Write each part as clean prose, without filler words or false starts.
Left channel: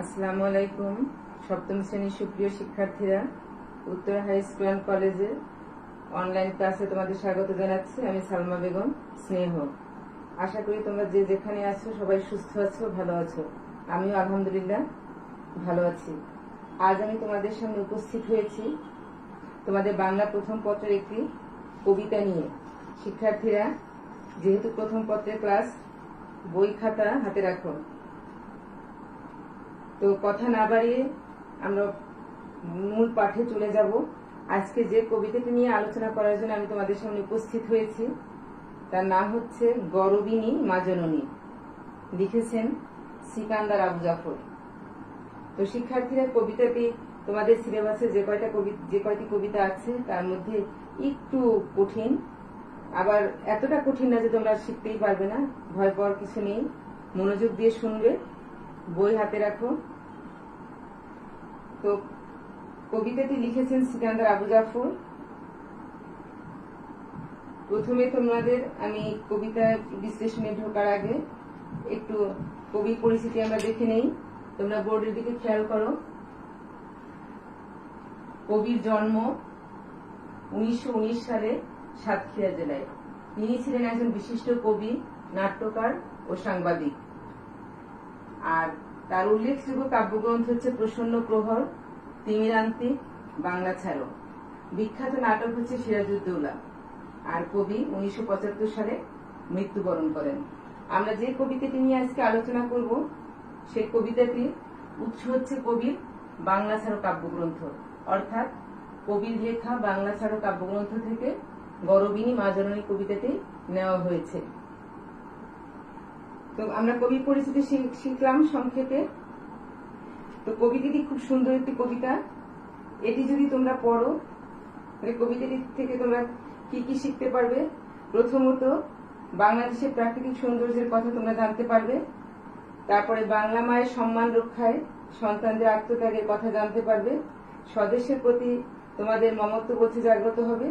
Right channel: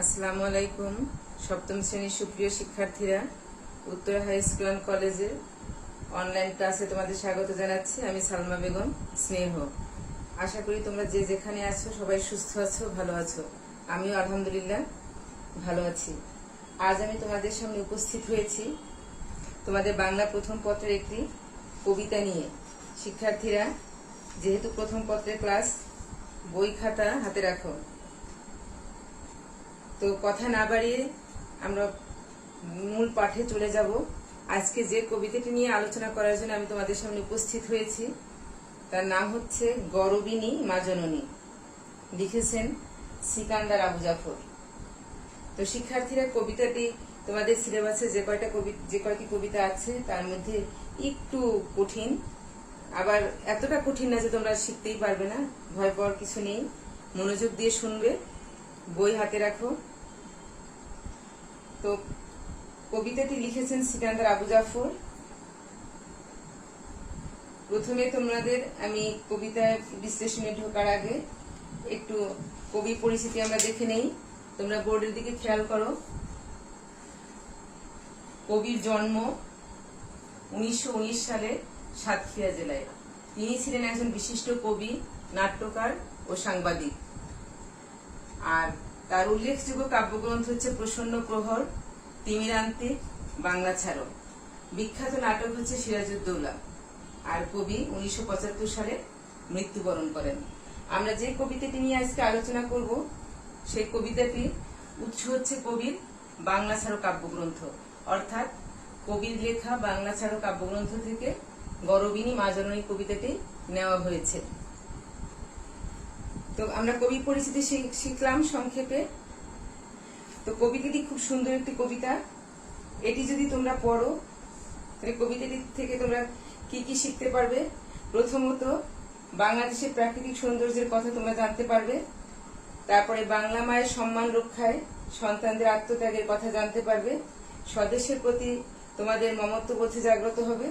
আসসালামু আলাইকুম। সপ্তম শ্রেণীর সুপ্রিয় শিক্ষার্থীরা, উত্তরা হাই স্কুল অ্যান্ড কলেজের অনলাইন ক্লাসে তোমাদের স্বাগত জানাচ্ছি। আমি সালমা বেগম স্নেহ। আশা করি তোমরা যে যেখানে আছো সবাই সুস্থ আছো, ভালো আছো। আমিও আলহামদুলিল্লাহ ভালো আছি। আজ আমি তোমাদের সামনে উপস্থিত হয়েছি তোমাদের বাংলা প্রথম পত্রের একটি কবিতা নিয়ে। শিক্ষার্থীরা, যেহেতু প্রথম পত্রের ক্লাস, বই খাতা হাতে রাখো। তো কথা না বাড়িয়ে আমরা মূল পাঠে চলে যাব। আজকে যে কবিতাটি নিয়ে আলোচনা করার জন্য আমি তোমাদের সামনে উপস্থিত হয়েছি তার নাম হচ্ছে গরবিনী মা জননী। লিখেছেন সিকান্দার আবু জাফর। তো শিক্ষার্থীরা, কবিতাটি তোমাদের সিলেবাসে যে কয়টি কবিতা আছে তার মধ্যে একটু কঠিন, আবার এতটা কঠিন না যে তোমরা শিখতেই পারবে না। ভয় পাওয়ার কিছু নেই, মনোযোগ দিয়ে শুনবে, বই হাতে রাখো। তো কবিতাটি লিখেছেন সিকান্দার আবু জাফর। প্রথমে তোমাদের আমি কবিতা বিশ্লেষণে ঢোকার আগে একটু কবি পরিচিতি আমরা দেখে নেই। তোমরা বোর্ডের দিকে খেয়াল করো। কবির জন্ম 1919 সালে সাতক্ষীরা জেলায়। তিনি ছিলেন একজন বিশিষ্ট কবি, নাট্যকার ও সাংবাদিক। আর তার উল্লেখযোগ্য কাব্যগ্রন্থ হচ্ছে প্রসন্ন প্রহর, তিমিরান্তিক, বাংলা ছাড়ো। বিখ্যাত নাটক হচ্ছে সিরাজউদ্দৌলা। আর কবি 1975 সালে মৃত্যুবরণ করেন। আমরা যে কবিতাটি নিয়ে আজকে আলোচনা করব সেই কবিতাটি উৎস হচ্ছে কবির বাংলা ছাড়ো কাব্যগ্রন্থ, অর্থাৎ কবির লেখা বাংলা ছাড়ো কাব্যগ্রন্থ থেকে গরবিনী মা জননী কবিতাটি নেওয়া হয়েছে। তো আমরা কবি পরিচিতি শিখলাম সংক্ষেপে। তো কবিতাটি খুব সুন্দর একটি কবিতা। এটি যদি তোমরা পড়ো তাহলে কবিতাটি থেকে তোমরা কি কি শিখতে পারবে। প্রথমত, বাংলাদেশের প্রাকৃতিক সৌন্দর্যের কথা তোমরা জানতে পারবে। তারপরে বাংলা মায়ের সম্মান রক্ষায় সন্তানদের আত্মত্যাগের কথা জানতে পারবে। স্বদেশের প্রতি তোমাদের মমত্ববোধে জাগ্রত হবে।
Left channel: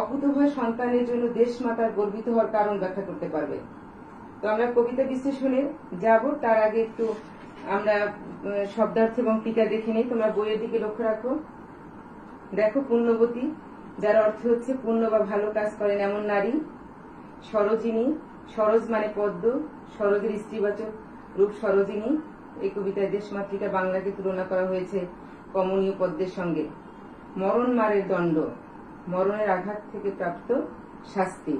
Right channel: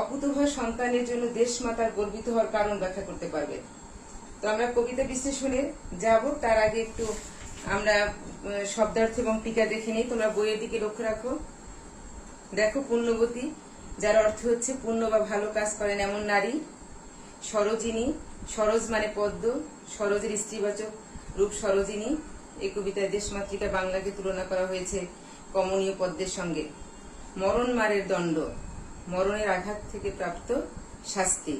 অকুতোভয় সন্তানের জন্য দেশ মাতার গর্বিত হওয়ার কারণ ব্যাখ্যা করতে পারবে। তো আমরা কবিতা বিশ্লেষণে যাব, তার আগে একটু আমরা শব্দার্থ এবং টিকা দেখে নেই। তোমরা বইয়ের দিকে লক্ষ্য রাখো। দেখো, পুণ্যবতী, যার অর্থ হচ্ছে পুণ্য বা ভালো কাজ করেন এমন নারী। সরোজিনী, সরোজ মানে পদ্ম, সরোজের স্ত্রীবাচক রূপ সরোজিনী। এই কবিতায় দেশমাতৃকা বাংলাকে তুলনা করা হয়েছে কমনীয় পদ্মের সঙ্গে। মরণ মারের দণ্ড, মরণের আঘাত থেকে প্রাপ্ত শাস্তি।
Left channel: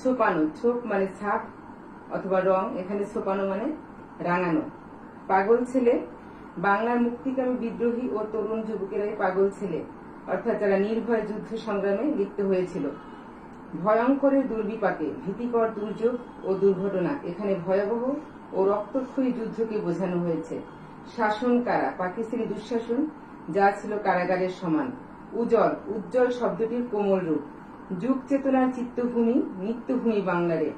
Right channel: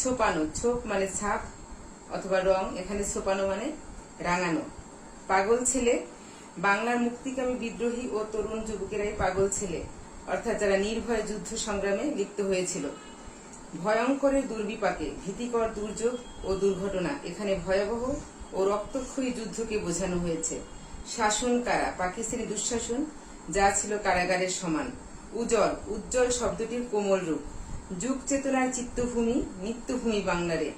ছোপানো, ছোপ মানে ছাপ অথবা রং, এখানে ছোপানো মানে রাঙানো। পাগল ছেলে, বাংলার মুক্তিকামী বিদ্রোহী ও তরুণ যুবকেরাই পাগল ছেলে, অর্থাৎ যারা নির্ভয় যুদ্ধ সংগ্রামে লিপ্ত হয়েছিল। ভয়ঙ্করের দুর্বিপাকে, ভীতিকর দুর্যোগ ও দুর্ঘটনা, এখানে ভয়াবহ ও রক্তক্ষয়ী যুদ্ধকে বোঝানো হয়েছে। শাসন কারা, পাকিস্তানি দুঃশাসন যা ছিল কারাগারের সমান। উজ্জ্বল, উজ্জ্বল শব্দটির কোমল রূপ। যুগ চেতনার চিত্তভূমি, নিত্যভূমি বাংলারে।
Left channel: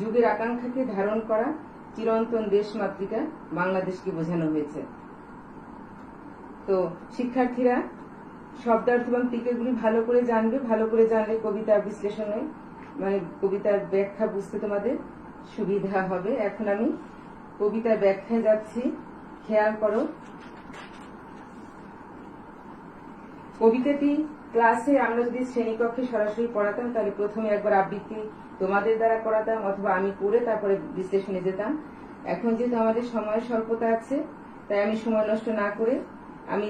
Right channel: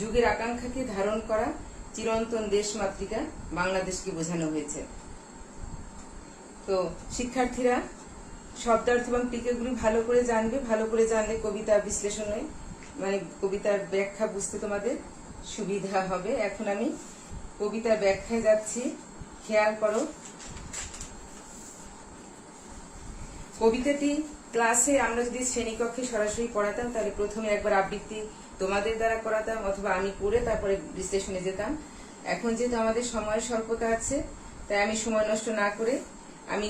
যুগের আকাঙ্ক্ষাকে ধারণ করা চিরন্তন দেশমাতৃকা বাংলাদেশকে বোঝানো হয়েছে। তো শিক্ষার্থীরা, শব্দার্থ এবং টিকাগুলি ভালো করে জানবে। ভালো করে জানলে কবিতা বিশ্লেষণে মানে কবিতার ব্যাখ্যা বুঝতে তোমাদের সুবিধা হবে। এখন আমি কবিতার ব্যাখ্যায় যাচ্ছি, খেয়াল করো। কবিতাটি ক্লাসে আমরা যদি শ্রেণীকক্ষে সরাসরি পড়াতাম তাহলে প্রথমে একবার আবৃত্তি তোমাদের দ্বারা করাতাম, অথবা আমি পড়ে তারপরে বিশ্লেষণে যেতাম। এখন যেহেতু আমাদের সময়ের স্বল্পতা আছে, তাই আমি সময় নষ্ট না করে আমি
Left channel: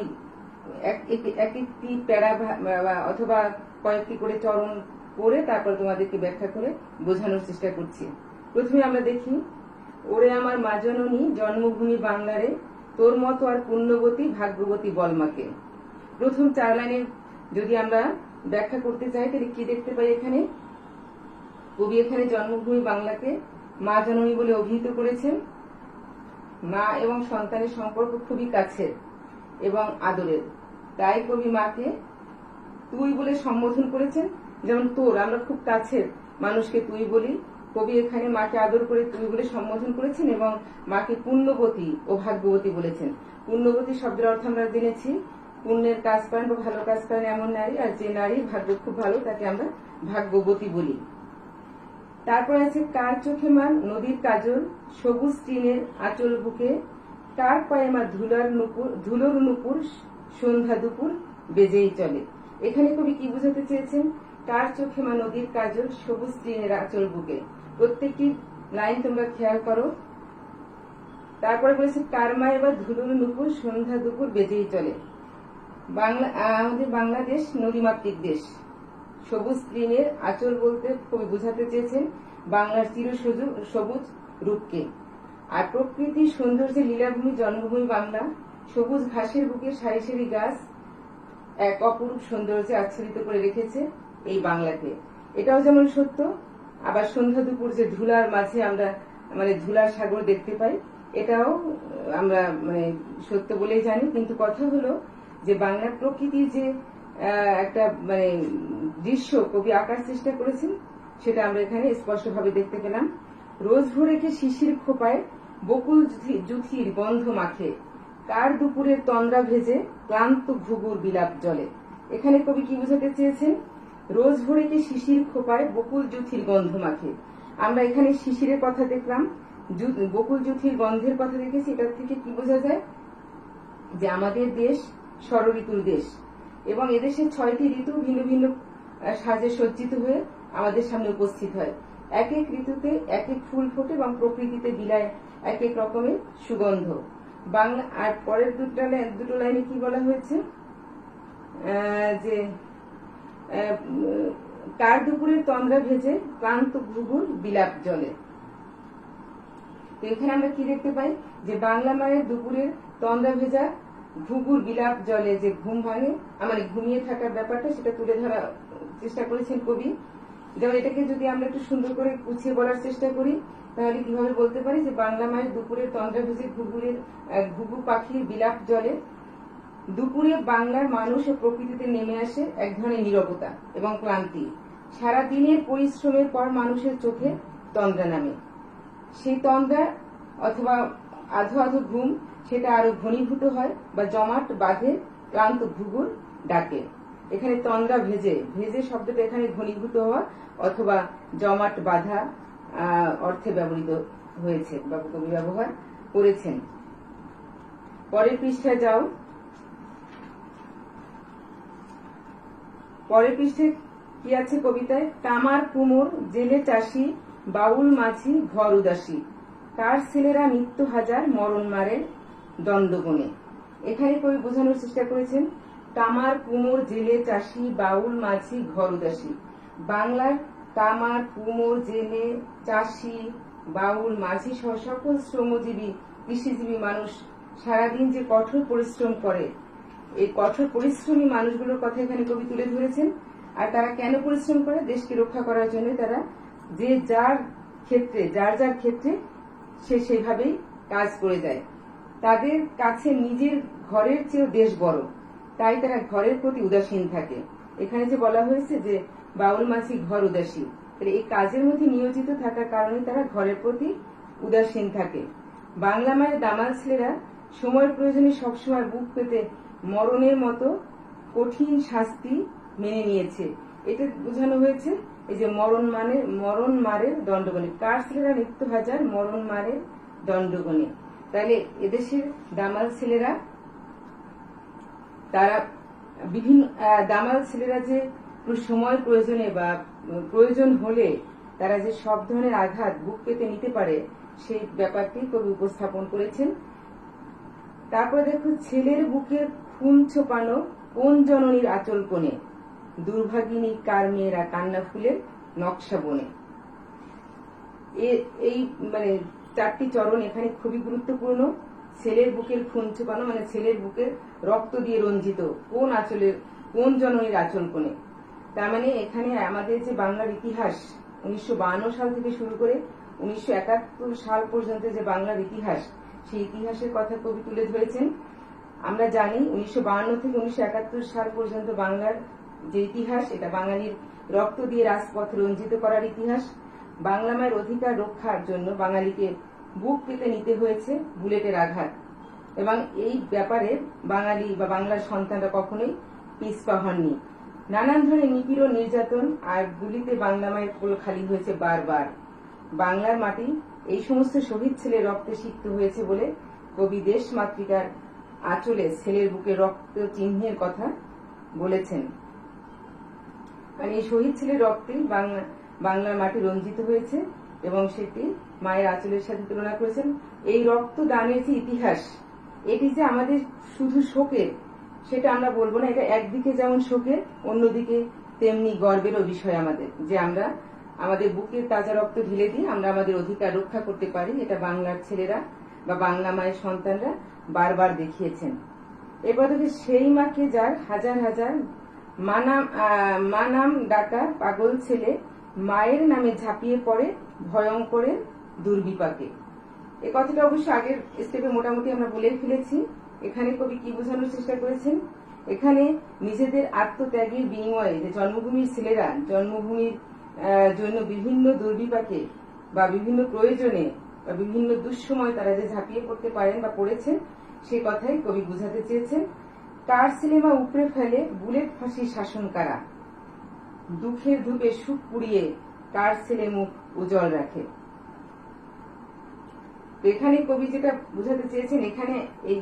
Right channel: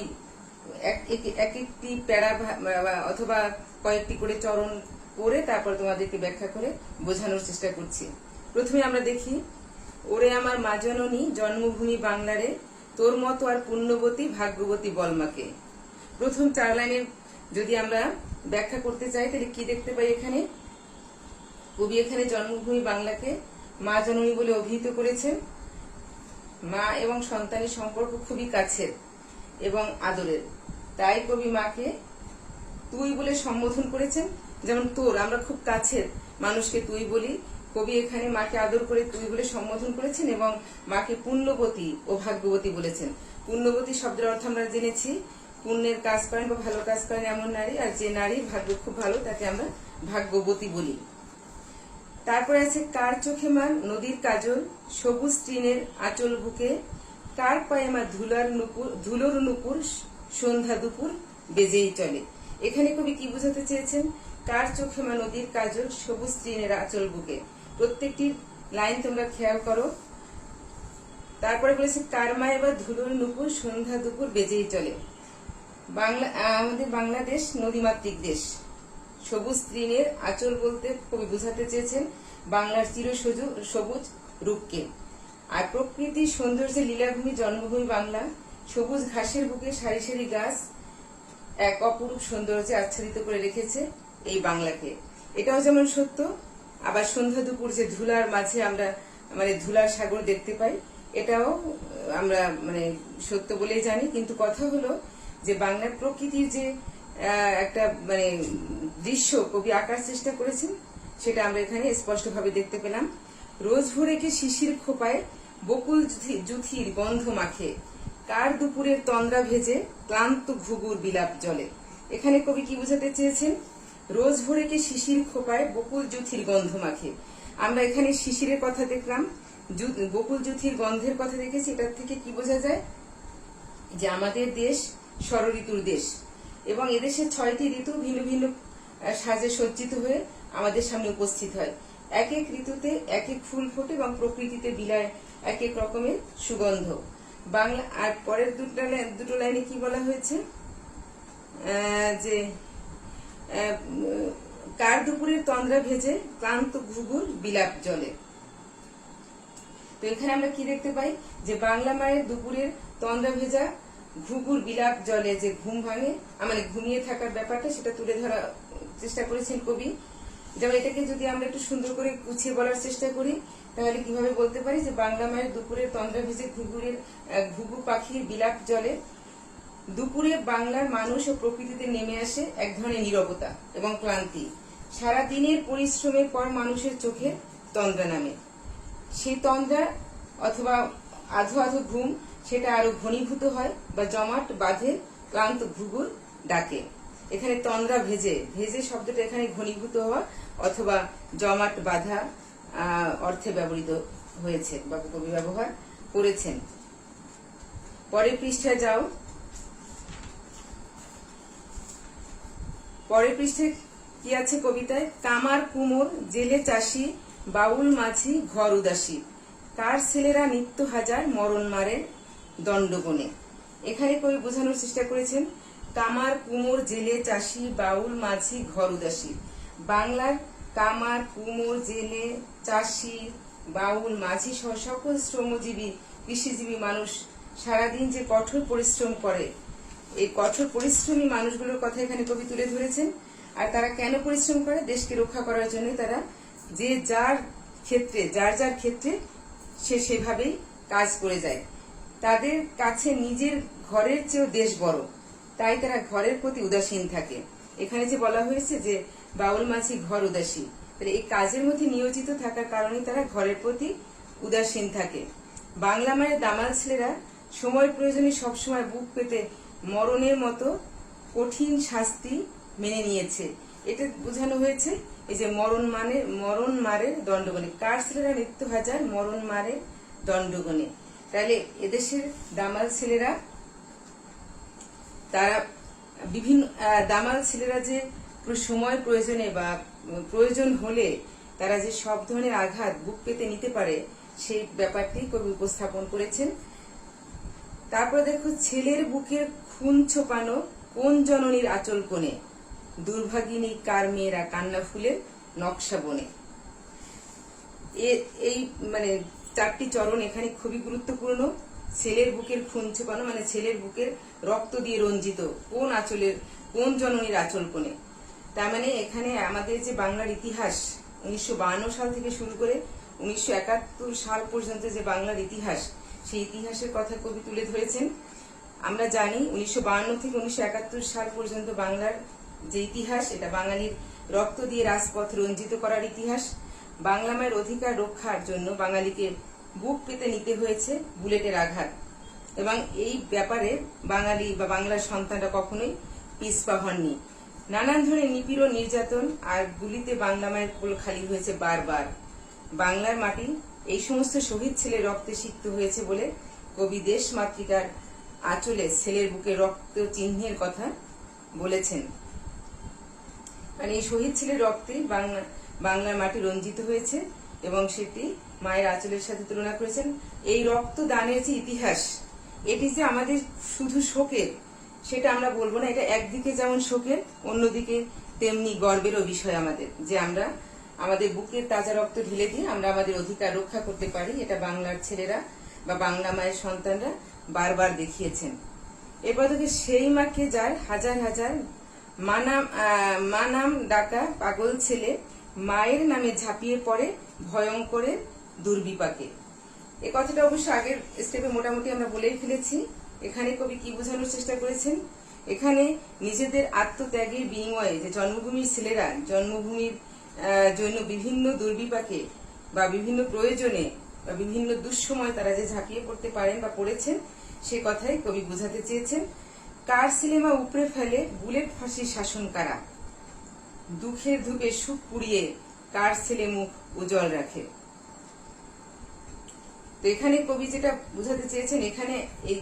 এক একটি প্যারা অথবা কয়েকটি করে চরণ পড়ে তারপর তোমাদেরকে ব্যাখ্যা করে বোঝানোর চেষ্টা করছি। প্রথমে আমরা দেখি, ওরে আমার মা জননী জন্মভূমি বাংলারে, তোর মতো আর পুণ্যবতী ভাগ্যবতী বলমাকে। প্রথম 4 লাইনের যদি আমরা ব্যাখ্যা করতে চাই তাহলে কি দেখতে পাই? এখানে কবি এখানে জন্মভূমি বাংলাকে মা জননী বলে অভিহিত করেছেন। মা এবং সন্তানের সম্পর্ক খুবই কাছের এবং আদরের, তাই কবি মাকে তুই বলে সম্বোধন করেছেন। যেমন তোর, আমরা খুব কাছের মানুষকে তুই বলি, কবি এখানে মাকে আদর করে তুই বলে সম্বোধন করেছেন এবং মাকে পুণ্যবতী ও ভাগ্যবতী বলেছেন। পুণ্যবতী শব্দের অর্থ আমরা জেনেছি, পুণ্যের কাজ করেন বা ভালো কাজ করেন এমন নারী, আর যে নারীর ভাগ্য খুব ভালো তাকে আমরা ভাগ্যবতী বলি। তারপরে আছে, কার চোখে মান নদীর কাজল, সবুজ তৃণের আঁচল বুকে, কার পায়ে মা ধুলোর নুপুর সন্ধ্যা দুপুর বেজেই চলে। এখানে কবি কি বোঝাতে চেয়েছেন? কার চোখে মা নদীর কাজল, সবুজ তৃণের আঁচল বুকে। প্রত্যেকটি লাইন তোমরা খেয়াল করো। তারপরে বলেছে কার মা এবার ধুলোর নুপুর সন্ধ্যা দুপুর বেজেই চলে। আমাদের বাংলাদেশ নদীমাতৃক দেশ। সবুজ তৃণের আঁচল বলতে কবি বোঝাতে চেয়েছেন বাংলার সবুজ রূপকে। আর প্রকৃতির সৌন্দর্যের লীলাভূমি জন্মভূমি বাংলা। সবুজ ঘাসের বুকে সারি সারি গাছ এক অপরূপ সৌন্দর্যে আচ্ছাদিত করে রেখেছে এই বাংলাকে। এটাও যেমন সত্য, আবার সন্ধ্যা দুপুর যে ধুলার মাঝে আমরা ধুলার সাগর দেখতে পাই, এটাও আমরা সত্য বলেই জানি। কিন্তু কথা হলো যে বাংলার প্রকৃতির যে একটা দৃশ্য কবি আঁকার চেষ্টা করেছেন, সেটা আমরা এখানে স্পষ্টভাবে দেখতে পেলাম। রোজ ভোরেকে শিশির খোপায় বকুল জুথির গন্ধ মাখে, কার দুপুরের তন্দ্রা ভেজে ক্লান্ত ঘুঘুর বিলাপ জলে। এখানে কবি কি বোঝাতে চেয়েছেন? রোজ ভোরেকে শিশির খোপায় বকুল জুথির গন্ধ মাখে। আমরা এখানে শিশিরের কথা দেখলাম, বকুল জুথির গন্ধের কথা দেখেছি। এটার থেকে কি বোঝা যায়? যে আমাদের দেশ ষড়ঋতুর দেশ, এবং এদেশে 6টি ঋতু ভিন্ন ভিন্ন সাজে সজ্জিত হয়ে আমাদের সামনে উপস্থিত হয়। এক এক ঋতুতে এক এক ফুল ফোটে এবং প্রকৃতিতে বিলায় এক এক রকমের সুগন্ধ। বাংলা আর পরের দুটো লাইনে কি বলা হয়েছে? যে কার দুপুরের তন্দ্রা ভেজে ক্লান্ত ঘুঘুর বিলাপ জলে। তো এখানে আমরা কি দেখতে পাই? যে বাংলা মায়ের দুপুরের তন্দ্রা ভেজা ঘুঘুর বিলাপ জলে যে ঘুম ভাঙে, ঘুমিয়ে থাকার ব্যাপারটা সেটা তুলে ধরার চেষ্টা করেছেন কবি। যেমন এটাকে যদি আমরা একটু সুন্দর করে গুছিয়ে বলার চেষ্টা করি, তাহলে কিভাবে বলতে পারি যে বাংলা মায়ের দুপুরের তন্দ্রা ভেজে ঘুঘু পাখির বিলাপ জলে। দুপুরে বাংলার মানুষ ও প্রকৃতিতে নেমে আসে এক ধরনের নীরবতা এবং ক্লান্তি। সারা দিনের পরিশ্রমের পর মানুষের চোখে তন্দ্রা নামে। সেই তন্দ্রা অথবা আধো আধো ঘুম সেটা আরো ঘনীভূত হয় বা জমাট বাঁধে ক্লান্ত ঘুঘুর ডাকে। এখানে তন্দ্রা ভেজে শব্দটা এখানে ঘনীভূত হওয়া অথবা জমাট বাঁধা অর্থে ব্যবহৃত হয়েছে বা কবি ব্যবহার করেছেন। পরের পৃষ্ঠায় যাও। পরের পৃষ্ঠায় কি আছে কবিতায়? কামার কুমোর জেলে চাষি বাউল মাঝি ঘর উদাসী, কার ছেলেরা নিত্য হাজার মরণ মারে দণ্ডগণে। এখানে কবি বোঝানোর চেষ্টা করেছেন কামার কুমোর জেলে চাষি বাউল মাঝি ঘর উদাসী। বাংলার কামার কুমোর জেলে চাষি বাউল মাঝি সহ সকল শ্রমজীবী কৃষিজীবী মানুষ সারাদিন যে কঠোর পরিশ্রম করে, এই কঠোর পরিশ্রমী মানুষগুলোর কথা এখানে কবি তুলে ধরেছেন। আর তারা কেন পরিশ্রম করে? দেশকে রক্ষা করার জন্য। তারা যে যার ক্ষেত্রে সে সেভাবেই কাজ করে যায়। তাদের কাছে নিজের ঘরের চেয়ে দেশ বড়, তাই তারা ঘরের প্রতি উদাসীন থাকে। এখানে যে বলা হয়েছে যে বাউল মাঝি ঘর উদাসী, তাহলে এই কাজের মধ্যে নিয়োজিত থাকার কারণে তারা ঘরের প্রতি উদাসীন থাকে। বাংলা মায়ের দামাল ছেলেরা সময়ের প্রয়োজনে সবসময় বুক পেতে মরণের মতো কঠিন শাস্তি মেনে নিয়েছে। এটা বোঝানো হয়েছে এই যে মরণ মারের দণ্ডগণে, কার ছেলেরা নিত্য হাজার মরণ মারের দণ্ডগণে। তাহলে এদেশের দামাল ছেলেরা তারা বিভিন্ন দামাল ছেলেরা যে সময় প্রয়োজনে বা প্রয়োজন হলে তারা যে সব ধরনের আঘাত বুক পেতে নিতে পারে, সেই ব্যাপারটি কবি উপস্থাপন করেছেন। তারপরে দেখো, ছেলের বুকের খুন ছোপানো কোন জননীর আঁচল কোণে, দুর্ভাগিনী কার মেয়েরা কান্না ফুলের নকশা বনে। এই 4টি চরণ এখানে খুবই গুরুত্বপূর্ণ। ছেলের বুকের খুন ছোপানো ছেলের বুকের রক্ত দিয়ে রঞ্জিত কোন জননীর আঁচল কোণে। তার এখানে আমাদের যে বাংলার ইতিহাস 1952 সাল থেকে শুরু করে 1971 সাল পর্যন্ত যে বাংলার ইতিহাস, সেই ইতিহাসের কথা কবি তুলে ধরেছেন। আমরা জানি 1952 থেকে 1971 সাল পর্যন্ত বাংলার যে ইতিহাস, এটা বাঙালির রক্ত দিয়ে রাজপথ রঞ্জিত করার ইতিহাস। বাংলা মায়ের অধিকার রক্ষার জন্য বাঙালিকে বুক পেতে নিতে হয়েছে বুলেটের আঘাত, এবং এই ব্যাপারে বাঙালি বা বাংলার সন্তানরা কখনোই পিছপা হননি। নানান ধরনের নিপীড়ন, নির্যাতন আর গুলিতে বাংলা মায়ের কোল খালি হয়েছে বারবার। বাংলার মাটি এই সমস্ত শহীদ ছেলের রক্তে সিক্ত হয়েছে বলে কবি দেশ মাতৃকার আঁচলে ছেলের বুকে রক্ত চিহ্নের কথা বলেছেন। মানে এই শহীদ ছেলের রক্তে বাংলার মাটি রঞ্জিত হয়েছে এবং সেটি মায়ের আঁচলের সাথে তুলনা করেছেন। এই রক্ত দানের যে ইতিহাস, এটি যে আমাদের শুধু শোকের সেটা আমরা বলবো না। এটা একদিকে যেমন শোকের, অন্যদিকে তেমনি গর্বেরও বিষয় আমাদের, যে আমরা আমাদের বুকের তাজা রক্ত ঢেলে দিয়ে আমরা আমাদের অধিকার রক্ষা করতে পারি। এটা বাংলার ছেলেরা বা বাংলা মায়ের সন্তানরা বারবার দেখিয়েছেন। এরপর থেকে সেই মাকে যার হাজার হাজার মা নাম ডাকা পাগল ছেলে মায়ের নামে ঝাঁপিয়ে পড়ে ভয়ঙ্করে দুর্বিপাকে। এই কথাটা অবশ্য আগের স্টেপে মোটামুটি আমরা বলেই ফেলেছি। এখানে কবি কি বোঝানোর চেষ্টা করেছেন, এখানে নিজেদের আত্মত্যাগের বিনিময়ে যে জন্মভূমির ছেলেরা জন্মভূমির জন্য বিভিন্ন দুর্বিপাকে বা বিভিন্ন প্রয়োজনে বা বিভিন্ন দুঃসময় তারা যে ঝাঁপিয়ে পড়তে পারেন বা পড়েছেন, সে কথাই কবি বোঝাতে চেয়েছেন। কার সিনেমা উপড়ে ফেলে বুলেট ফাঁসির শাসন কারা, দুঃখের ধূপে সুখ পুড়িয়ে কার ছেলে মুখ উজ্জ্বল রাখে। তো এখানে কবি যেটা বোঝাতে চেয়েছেন, এখানে এই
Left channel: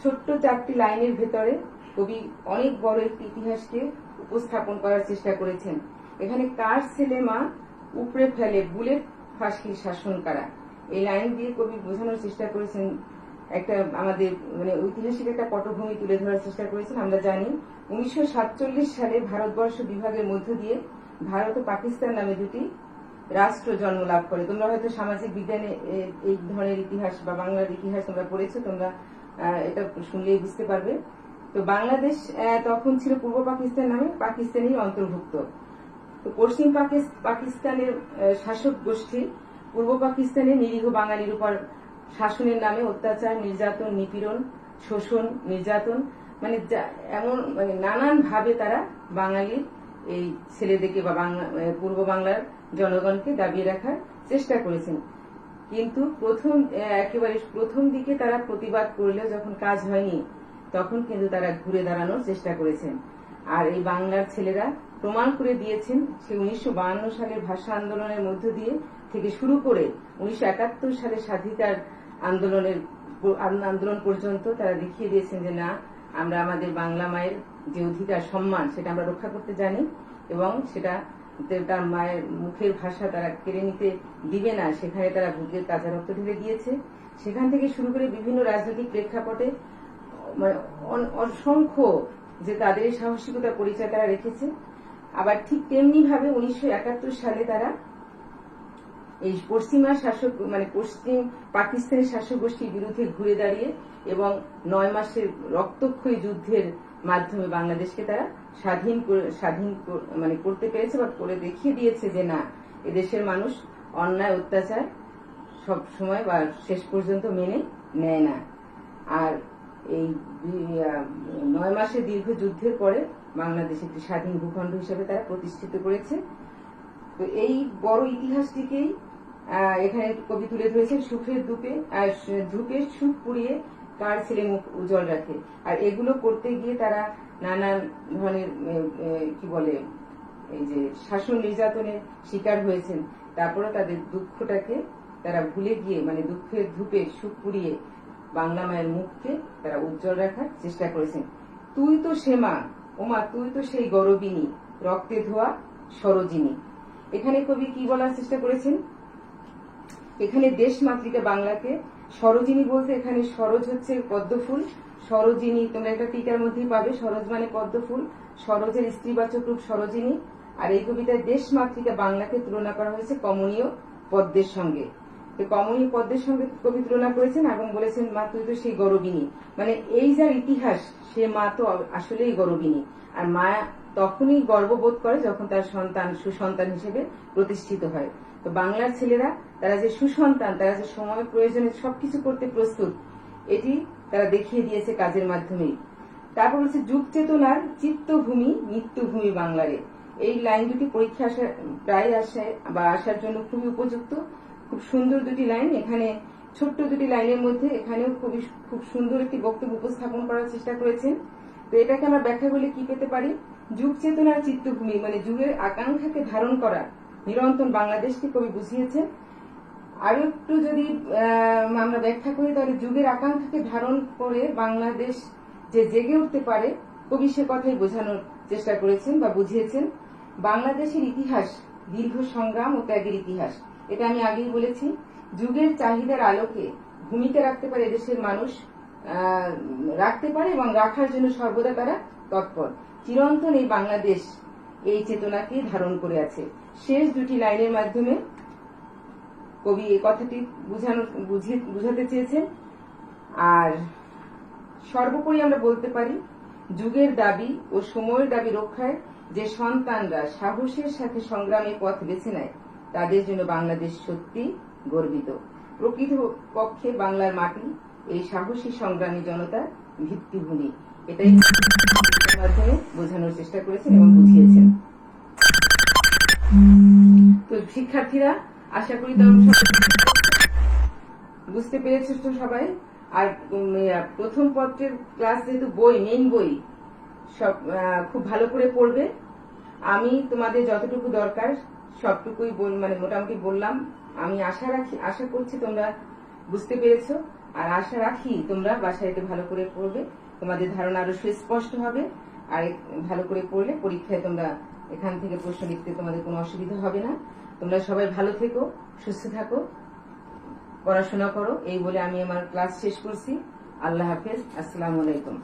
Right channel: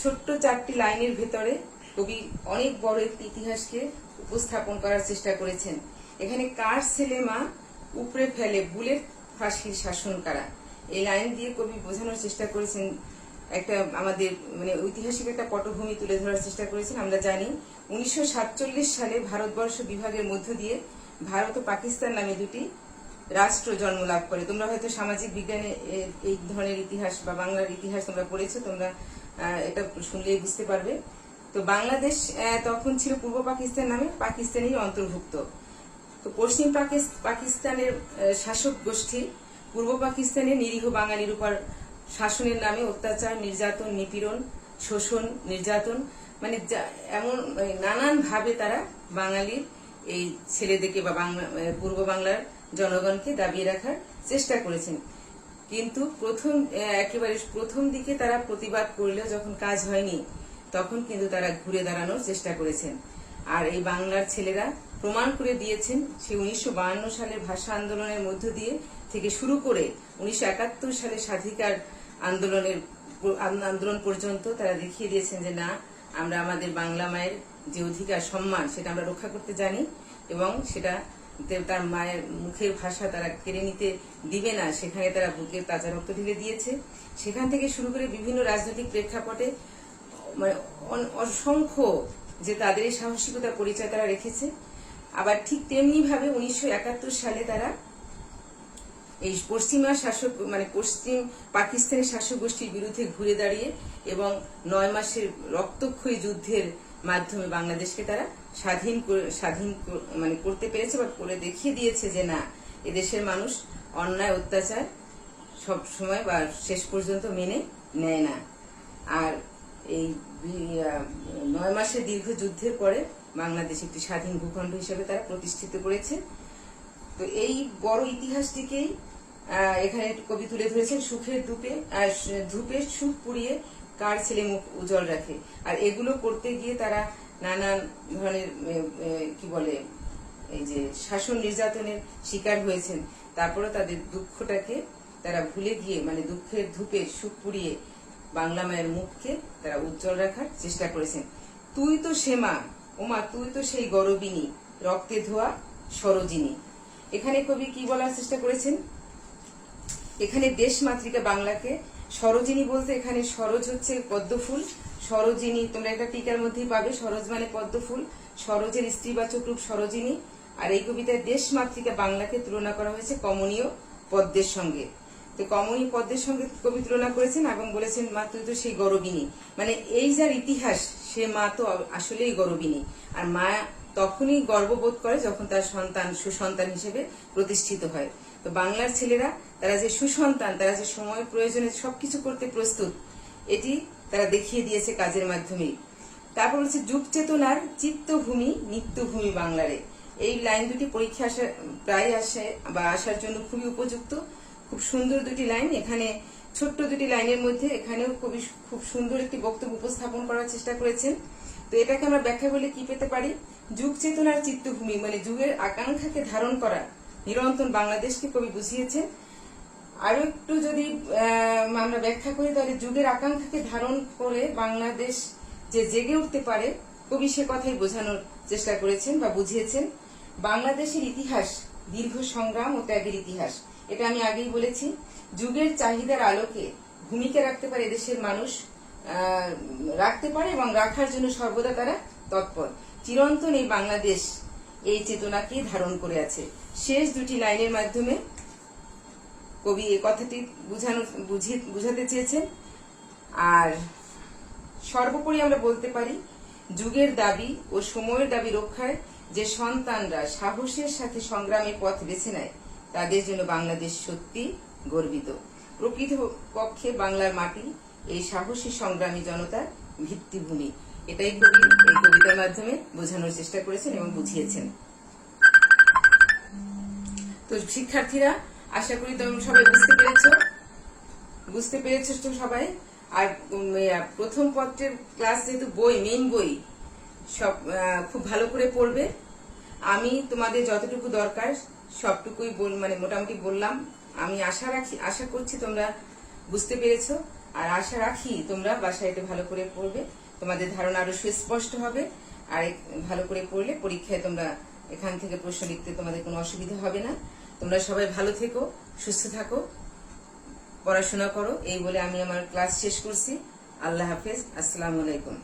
ছোট্ট 4টি লাইনের ভেতরে কবি অনেক বড় একটি ইতিহাসকে উপস্থাপন করার চেষ্টা করেছেন। এখানে কার ছেলে মা উপড়ে ফেলে বুলেট ফাঁসির শাসন কারা, এই লাইন দিয়ে কবি বোঝানোর চেষ্টা করেছেন একটা আমাদের মানে ঐতিহাসিক একটা পটভূমি তুলে ধরার চেষ্টা করেছেন। আমরা জানি 1947 সালে ভারতবর্ষ বিভাগের মধ্য দিয়ে ভারত ও পাকিস্তান নামে দুটি রাষ্ট্র জন্ম লাভ করে। তোমরা হয়তো সামাজিক বিজ্ঞানে এই ধরনের ইতিহাস বা বাংলার ইতিহাস তোমরা পড়েছো, তোমরা এটা শুনলেই বুঝতে পারবে। তো বাংলাদেশ তখন ছিল পূর্ব পাকিস্তান নামে পাকিস্তানেরই অন্তর্ভুক্ত। তো পশ্চিম পাকিস্তানের শাসক গোষ্ঠী পূর্ব পাকিস্তানের নিরীহ বাঙালির উপর শাসনের নামে অত্যাচার, নির্যাতন, নিপীড়ন, শোষণ, নির্যাতন মানে এমন নানান ভাবে তারা বাঙালির এই ছেলেদেরকে বা পূর্ব বাংলার জনগণকে দাবিয়ে রাখার চেষ্টা করেছেন। কিন্তু একেবারে প্রথম দিকে তারা প্রতিবাদ করলেও যখন কাজ হয়নি, তখন কিন্তু তারা ঘুরে দাঁড়ানোর চেষ্টা করেছেন। আর এই বাংলার ছেলেরা প্রমাণ করে দিয়েছেন, সেই 1952 সালের ভাষা আন্দোলনের মধ্য দিয়ে থেকে শুরু করে 1971 সালে স্বাধিকার আন্দোলন পর্যন্ত তারা দেখিয়ে দিয়েছেন যে না, আমরা আমাদের বাংলা মায়ের যে অধিকার সম্মান সেটা আমরা রক্ষা করতে জানি এবং সেটা তার মায়ের মুখের ভাষা তারা কেড়ে নিতে দিবে না, সেখানে তারা বুকের তাজা রক্ত ঢেলে দিয়েছে। সেখান থেকে শুরু করে বিভিন্ন রাজনৈতিক প্রেক্ষাপটে অসংখ্য যে তাদের এই সাহসিকতার পরিচয় তারা রেখেছে। আবার ঠিক তেমনি ভাবে 1971 সালে তারা এই পশ্চিমা শাসক মানে পশ্চিম পাকিস্তানের শাসক গোষ্ঠীর বিরুদ্ধে ঘুরে দাঁড়িয়ে এবং 9 মাসের রক্তক্ষয়ী যুদ্ধের মাধ্যমে বাংলাদেশকে তারা স্বাধীন মানে করতে পেরেছে বা করে দেখিয়ে দিয়েছে যে না, এদেশের মানুষ অন্যায় অত্যাচার সব সময় বা শেষ পর্যন্ত মেনে নেয় না। আর এই 9 মাসের দীর্ঘ যুদ্ধের পরে বাংলাদেশ একটি স্বাধীন ভূখণ্ড হিসেবে তারা প্রতিষ্ঠিত করেছে। তো এই বড় ইতিহাসটিকেই এখানে কবি তুলে ধরেছেন, সুখের ধূপে সুখ পুড়িয়ে কার ছেলে মুখ উজ্জ্বল রাখে। আর এগুলো করতে গিয়ে তারা নানান ধরনের কি বলে এই যে শাসন নির্যাতনের শিকার হয়েছেন। তারপরে তাদের দুঃখটাকে তারা ভুলে গিয়ে মানে দুঃখের ধূপে সুখ পুড়িয়ে বাংলা মায়ের মুখকে তারা উজ্জ্বল রাখার চেষ্টা করেছেন। তুই তো সে মা, ওমা তুই তো সেই গরবিনী, রক্তে ধোয়া সরোজিনী। এখানে কবি কি বলার চেষ্টা করেছেন, এখানে দেশ মাতৃকা বাংলাকে সরোজিনী বলতে এখানে সরোজ হচ্ছে পদ্মফুল, সরোজিনী তোমরা একটা টিকার মধ্যেই পাবে, সরোজ মানে পদ্মফুল, সরোজের স্ত্রীবাচক রূপ সরোজিনী। আর এই কবিতায় দেশ মাতৃকা বাংলাকে তুলনা করা হয়েছে কমনীয় পদ্মের সঙ্গে। তো কমনীয় পদ্মের সঙ্গে কবি তুলনা করেছেন এবং বলেছেন মা তুই তো সেই গরবিনী, মানে এই যার ইতিহাস সে মা তো আসলেই গরবিনী। আর মা তখনই গর্ববোধ করে যখন তার সন্তান সুসন্তান হিসেবে প্রতিষ্ঠিত হয়। তো বাংলার ছেলেরা তারা যে সুসন্তান, তারা যে সময় প্রয়োজনে সবকিছু করতে প্রস্তুত, এটি তারা দেখিয়ে দিয়েছে কাজের মাধ্যমে। তারপর হচ্ছে যুগ চেতনার চিত্তভূমি নিত্যভূমি বাংলারে। এই লাইন দুটি পরীক্ষা প্রায় আসে বা আসার জন্য খুবই উপযুক্ত, খুব সুন্দর দুটি লাইন। এখানে ছোট্ট দুটি লাইনের মধ্যে এখানেও খুব সুন্দর একটি বক্তব্য উপস্থাপন করার চেষ্টা করেছেন। তো এটাকে আমরা ব্যাখ্যা করলে কি পেতে পারি, যুগ চেতনার চিত্তভূমি মানে যুগের আকাঙ্ক্ষাকে ধারণ করা নিরন্তর বাংলাদেশকে কবি বুঝিয়েছেন। আরো একটু যদি আমরা ব্যাখ্যা করি, তাহলে যুগের আকাঙ্ক্ষাকে ধারণ করে বাংলাদেশ যে জেগে উঠতে পারে, কবি সে কথাই বোঝানোর চেষ্টা করেছেন বা বুঝিয়েছেন। বাংলাদেশের ইতিহাস দীর্ঘ সংগ্রাম ও ত্যাগের ইতিহাস, এটা আমি আগেই বলেছি। যুগের চাহিদার আলোকে ভূমিকা রাখতে পারে এদেশের মানুষ, রাখতে পারে এবং রাখার জন্য সর্বদা তারা তৎপর। চিরন্তন এই বাংলাদেশ এই চেতনাকে ধারণ করে আছে। শেষ দুটি লাইনের মাধ্যমে কবি এই কথাটি বুঝাতে চেয়েছেন। আর সর্বোপরি আমরা বলতে পারি, যুগের দাবি ও সময়ের দাবি রক্ষায় যে সন্তানরা সাহসের সাথে সংগ্রামের পথ বেছে নেয়, তাদের জন্য বাংলাদেশ সত্যি গর্বিত। প্রকৃতপক্ষে বাংলার মাটি এই সাহসী সংগ্রামী জনতার ভিত্তিভূমি। এটাই কবিতার মাধ্যমে বোঝানোর চেষ্টা করেছেন এবং বুঝিয়েছেন। তো শিক্ষার্থীরা, আশা করি তোমরা সবাই বুঝতে পেরেছো তো সবাই। আর প্রথম পত্রের ক্লাস যেহেতু মেইন বই, সব খুব ভালো করে পড়বে। আমি তোমাদের যতটুকু দরকার সবটুকুই মানে মোটামুটি বললাম। আমি আশা করছি তোমরা বুঝতে পেরেছো, আর আশা রাখি তোমরা বাসায় এটা ভালো করে পড়বে, তোমাদের ধারণা আরো সুস্পষ্ট হবে। আর ভালো করে পড়লে পরীক্ষায় তোমরা এখান থেকে প্রশ্ন লিখতে তোমাদের কোনো অসুবিধা হবে না। তোমরা সবাই ভালো থেকো, সুস্থ থাকো, পড়াশোনা করো। এই বলে আমি আমার ক্লাস শেষ করছি। আল্লাহ হাফেজ, আসসালামু আলাইকুম।